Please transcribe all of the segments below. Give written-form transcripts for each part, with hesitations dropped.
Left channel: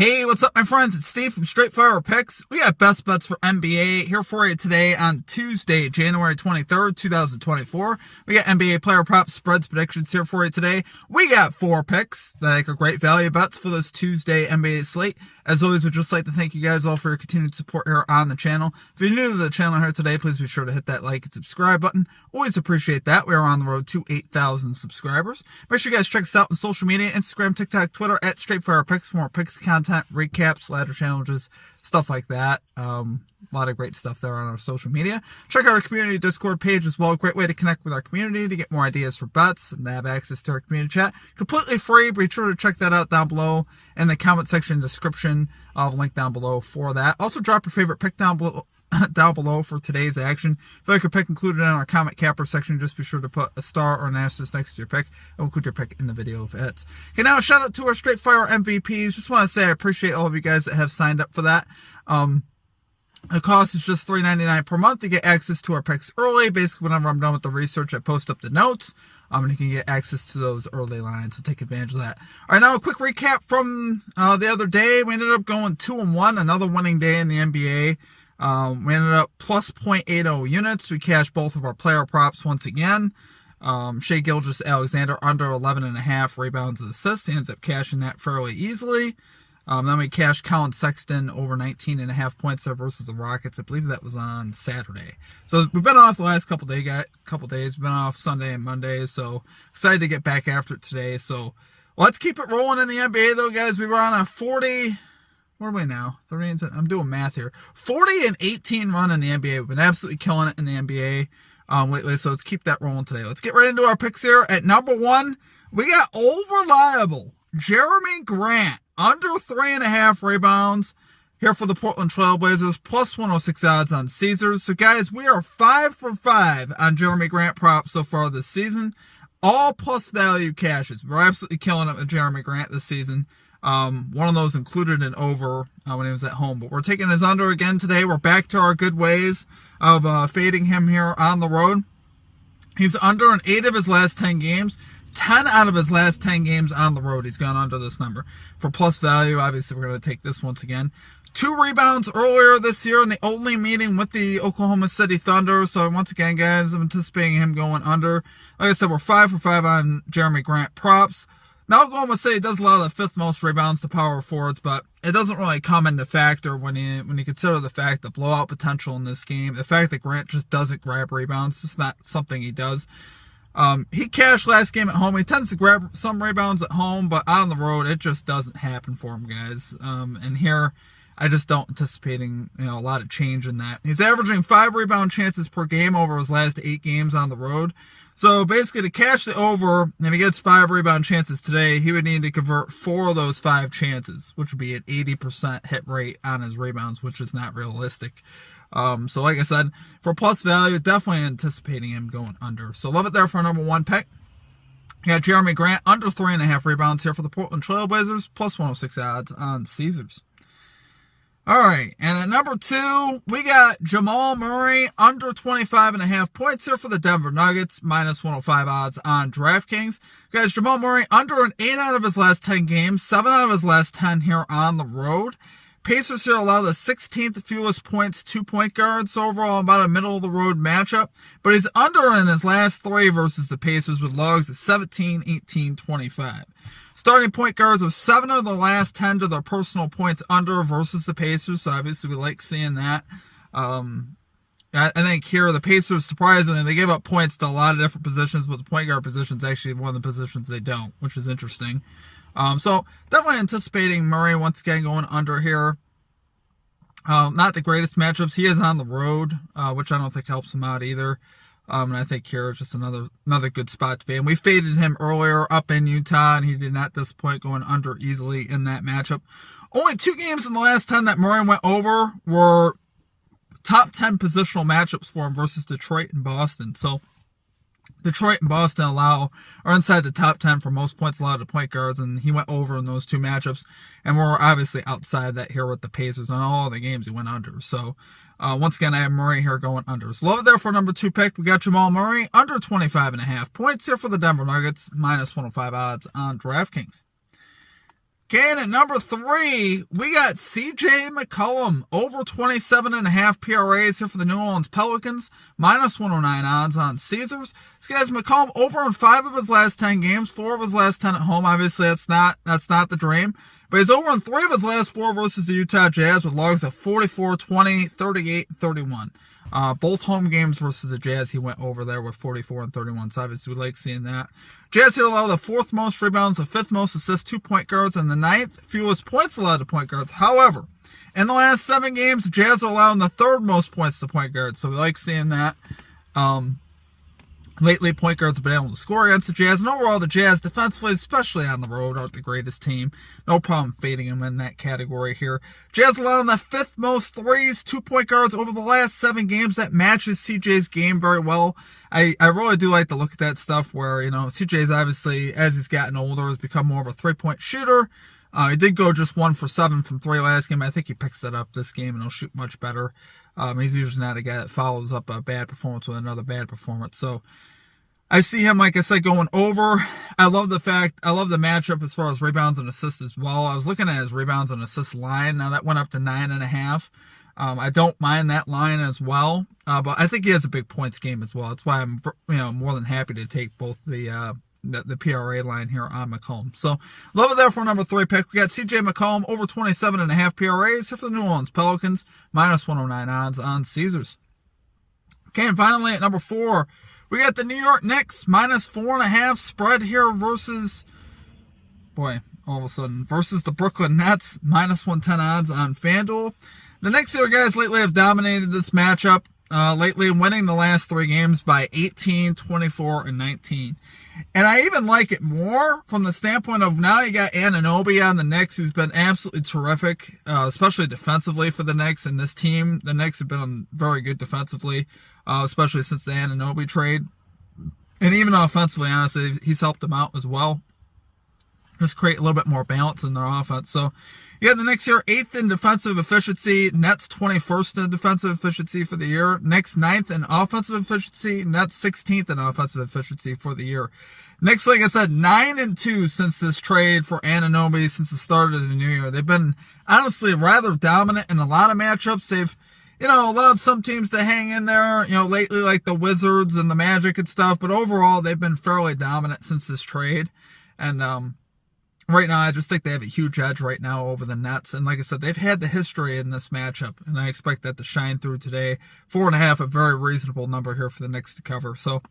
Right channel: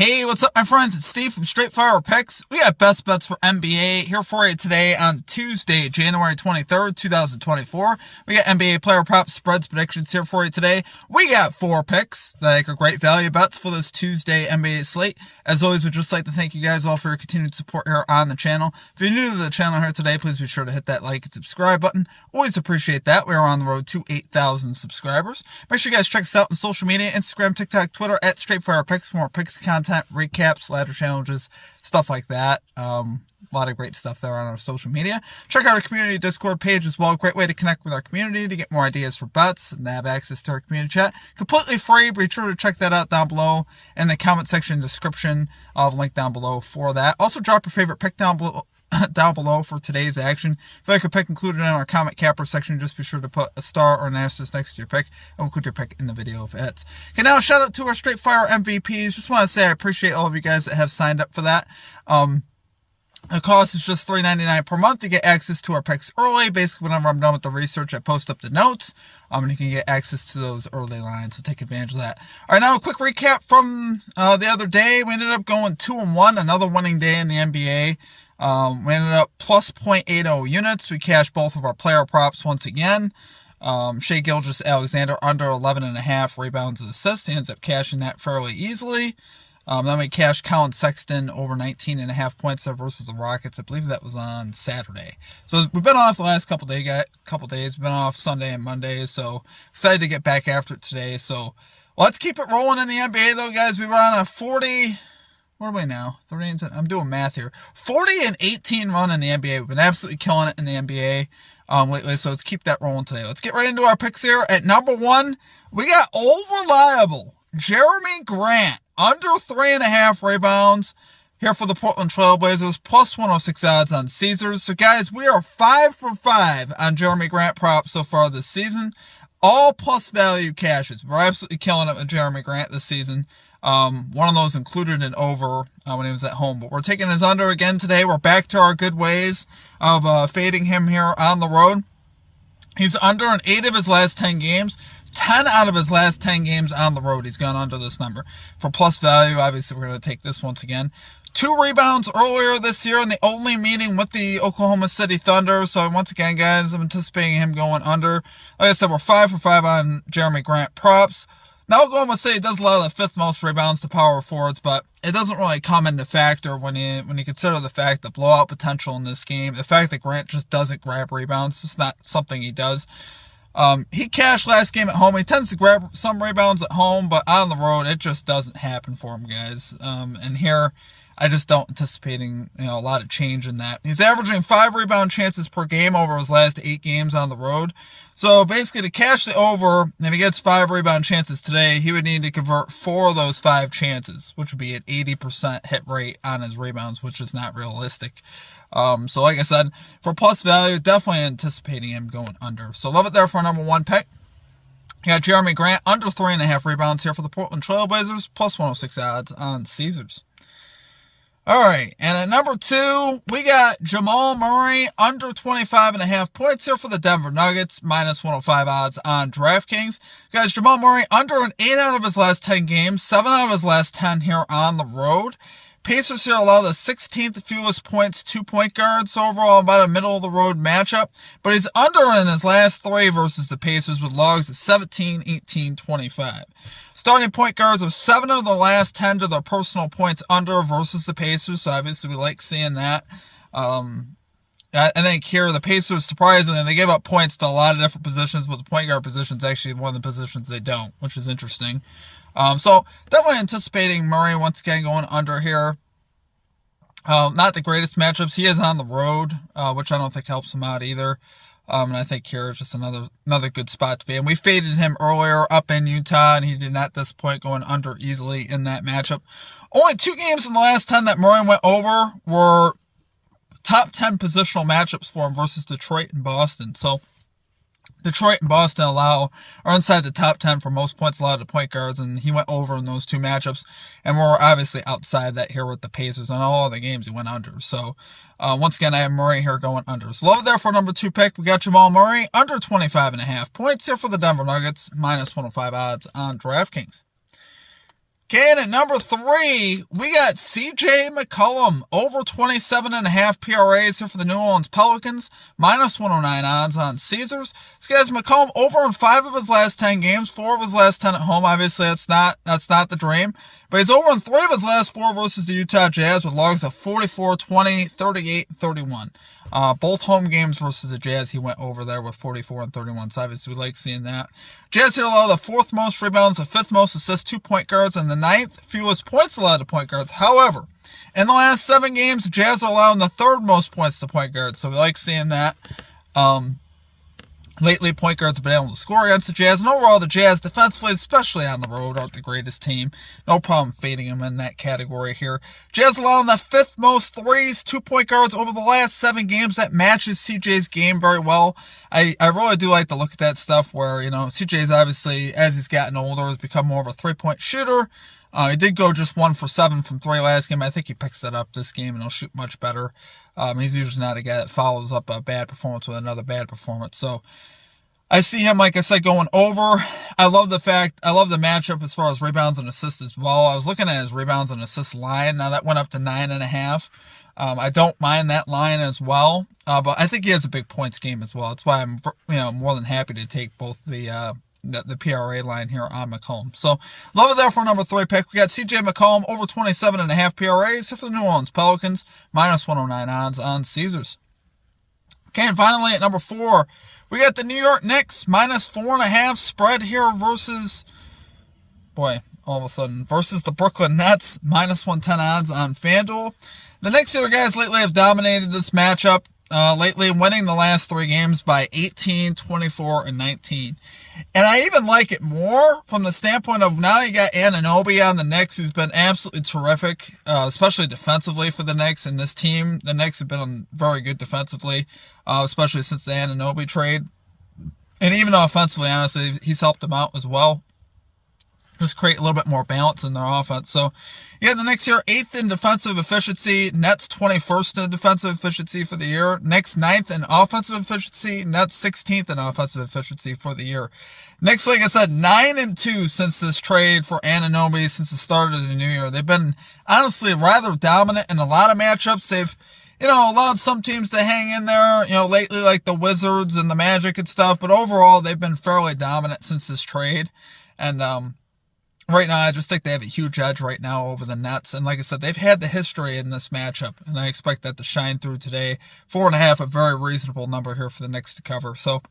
Hey, what's up, my friends? It's Steve from Straight Fire Picks. We got best bets for NBA here for you today on Tuesday, January 23rd, 2024. We got NBA player props, spreads, predictions here for you today. We got 4 picks that I think are great value bets for this Tuesday NBA slate. As always, we'd just like to thank you guys all for your continued support here on the channel. If you're new to the channel here today, please be sure to hit that like and subscribe button. Always appreciate that. We are on the road to 8,000 subscribers. Make sure you guys check us out on social media, Instagram, TikTok, Twitter, at Straight Fire Picks for more picks content, recaps, ladder challenges, stuff like that. A lot of great stuff there on our social media. Check out our community Discord page as well. Great way to connect with our community to get more ideas for bets and have access to our community chat. Completely free. Be sure to check that out down below in the comment section description. I'll have a link down below for that. Also, drop your favorite pick down below for today's action. If you like your pick included in our comment capper section, just be sure to put a star or an asterisk next to your pick. I'll include your pick in the video if it hits. Okay, now shout out to our Straight Fire MVPs. Just want to say I appreciate all of you guys that have signed up for that. The cost is just $3.99 per month. You get access to our picks early. Basically, whenever I'm done with the research, I post up the notes. And you can get access to those early lines, so take advantage of that. All right, now a quick recap from the other day. We ended up going 2-1, another winning day in the NBA. We ended up plus 0.80 units. We cashed both of our player props once again. Shai Gilgeous-Alexander under 11.5 rebounds and assists. He ends up cashing that fairly easily. Then we cashed Colin Sexton over 19.5 points there versus the Rockets. I believe that was on Saturday. So we've been off the last couple days. We've been off Sunday and Monday. So excited to get back after it today. So let's keep it rolling in the NBA though, guys. We were on a 40. What are we now? 30. I'm doing math here. 40-18 run in the NBA. We've been absolutely killing it in the NBA lately. So let's keep that rolling today. Let's get right into our picks here. At number 1, we got old reliable Jeremy Grant under 3.5 rebounds here for the Portland Trailblazers, plus 106 odds on Caesars. So guys, we are 5 for 5 on Jeremy Grant props so far this season. All plus value cashes. We're absolutely killing it with Jeremy Grant this season. One of those included an over when he was at home, but we're taking his under again today. We're back to our good ways of fading him here on the road. He's under in 8 of his last 10 games. 10 out of his last 10 games on the road, he's gone under this number. For plus value, obviously, we're going to take this once again. 2 rebounds earlier this year in the only meeting with the Oklahoma City Thunder. So once again, guys, I'm anticipating him going under. Like I said, we're 5 for 5 on Jeremy Grant props. Now, Oklahoma City does allow the 5th most rebounds to power forwards, but it doesn't really come into factor when you consider the fact the blowout potential in this game. The fact that Grant just doesn't grab rebounds, it's not something he does. He cashed last game at home. He tends to grab some rebounds at home, but on the road, it just doesn't happen for him, guys. And here, I just don't anticipating a lot of change in that. He's averaging 5 rebound chances per game over his last 8 games on the road. So basically, to cash the over, if he gets 5 rebound chances today, he would need to convert 4 of those 5 chances, which would be an 80% hit rate on his rebounds, which is not realistic. So like I said, for plus value, definitely anticipating him going under. So love it there for our number 1 pick. You got Jeremy Grant under 3.5 rebounds here for the Portland Trailblazers, plus 106 odds on Caesars. All right, and at number 2, we got Jamal Murray under 25.5 points here for the Denver Nuggets, minus 105 odds on DraftKings. Guys, Jamal Murray under an 8 out of his last 10 games, 7 out of his last 10 here on the road. Pacers here allow the 16th fewest points to point guards, so overall about a middle-of-the-road matchup. But he's under in his last 3 versus the Pacers with logs at 17, 18, 25. Starting point guards are 7 of their last 10 to their personal points under versus the Pacers, so obviously we like seeing that. I think here the Pacers, surprisingly, they give up points to a lot of different positions, but the point guard position is actually one of the positions they don't, which is interesting. So definitely anticipating Murray once again going under here. Not the greatest matchups. He is on the road, which I don't think helps him out either. And I think here is just another good spot to be. And we faded him earlier up in Utah, and he did not disappoint going under easily in that matchup. Only 2 games in the last 10 that Murray went over were top 10 positional matchups for him versus Detroit and Boston. So Detroit and Boston are inside the top 10 for most points allowed to point guards, and he went over in those 2 matchups. And we're obviously outside that here with the Pacers. On all other games, he went under. So, once again, I have Murray here going under. So, love it there for number 2 pick. We got Jamal Murray under 25.5 points here for the Denver Nuggets, minus 105 odds on DraftKings. Okay, and at number 3, we got CJ McCollum, over 27.5 PRAs here for the New Orleans Pelicans, minus 109 odds on Caesars. This guy's McCollum over in 5 of his last 10 games, 4 of his last 10 at home. Obviously, that's not the dream. But he's over in 3 of his last 4 versus the Utah Jazz with logs of 44, 20, 38, 31. Both home games versus the Jazz, he went over there with 44 and 31. So obviously, we like seeing that. Jazz here allow the 4th most rebounds, the 5th most assists to point guards, and the 9th fewest points allowed to point guards. However, in the last 7 games, the Jazz are allowing the 3rd most points to point guards. So we like seeing that. Lately, point guards have been able to score against the Jazz, and overall, the Jazz defensively, especially on the road, aren't the greatest team. No problem fading them in that category here. Jazz allowing the 5th most threes to point guards over the last 7 games. That matches CJ's game very well. I really do like to look at that stuff where, CJ's obviously, as he's gotten older, has become more of a 3-point shooter. He did go just 1 for 7 from 3 last game. I think he picks that up this game, and he'll shoot much better. He's usually not a guy that follows up a bad performance with another bad performance. So I see him, like I said, going over. I love the matchup as far as rebounds and assists as well. I was looking at his rebounds and assists line. Now that went up to 9.5. I don't mind that line as well. But I think he has a big points game as well. That's why I'm more than happy to take both the PRA line here on McCollum. So love it there for number 3 pick. We got CJ McCollum over 27.5 PRAs for the New Orleans Pelicans, minus 109 odds on Caesars. Okay, and finally at number 4, we got the New York Knicks, minus 4.5 spread here versus the Brooklyn Nets, minus 110 odds on FanDuel. The Knicks here, guys, lately have dominated this matchup. Lately winning the last 3 games by 18, 24, and 19. And I even like it more from the standpoint of now you got Anunoby on the Knicks, who's been absolutely terrific, especially defensively for the Knicks. And this team, the Knicks have been very good defensively, especially since the Anunoby trade. And even offensively, honestly, he's helped them out as well. Just create a little bit more balance in their offense. So, yeah, the Knicks here, 8th in defensive efficiency. Nets 21st in defensive efficiency for the year. Knicks 9th in offensive efficiency. Nets 16th in offensive efficiency for the year. Knicks, like I said, 9-2 since this trade for Anunoby, since the start of the new year. They've been, honestly, rather dominant in a lot of matchups. They've, allowed some teams to hang in there, lately, like the Wizards and the Magic and stuff. But overall, they've been fairly dominant since this trade. And, right now, I just think they have a huge edge right now over the Nets. And like I said, they've had the history in this matchup, and I expect that to shine through today. 4.5, a very reasonable number here for the Knicks to cover. So,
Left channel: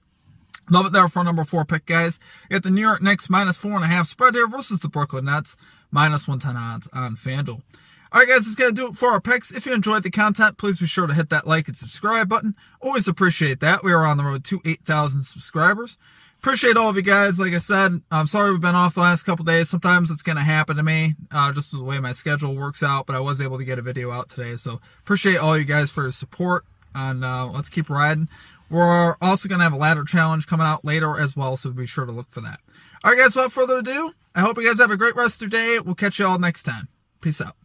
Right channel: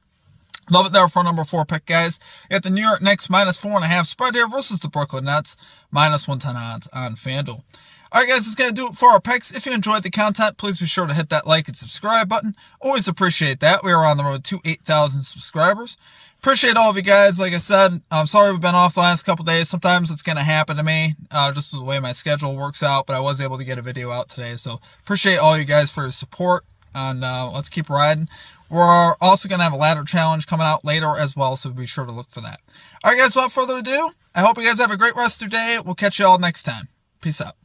love it there for number 4 pick, guys. You got the New York Knicks minus 4.5 spread here versus the Brooklyn Nets, minus 110 odds on FanDuel. All right, guys, that's going to do it for our picks. If you enjoyed the content, please be sure to hit that like and subscribe button. Always appreciate that. We are on the road to 8,000 subscribers. Appreciate all of you guys. Like I said, I'm sorry we've been off the last couple days. Sometimes it's going to happen to me, just the way my schedule works out, but I was able to get a video out today. So appreciate all you guys for your support, and let's keep riding. We're also going to have a ladder challenge coming out later as well, so be sure to look for that. All right, guys, without further ado, I hope you guys have a great rest of your day. We'll catch you all next time. Peace out.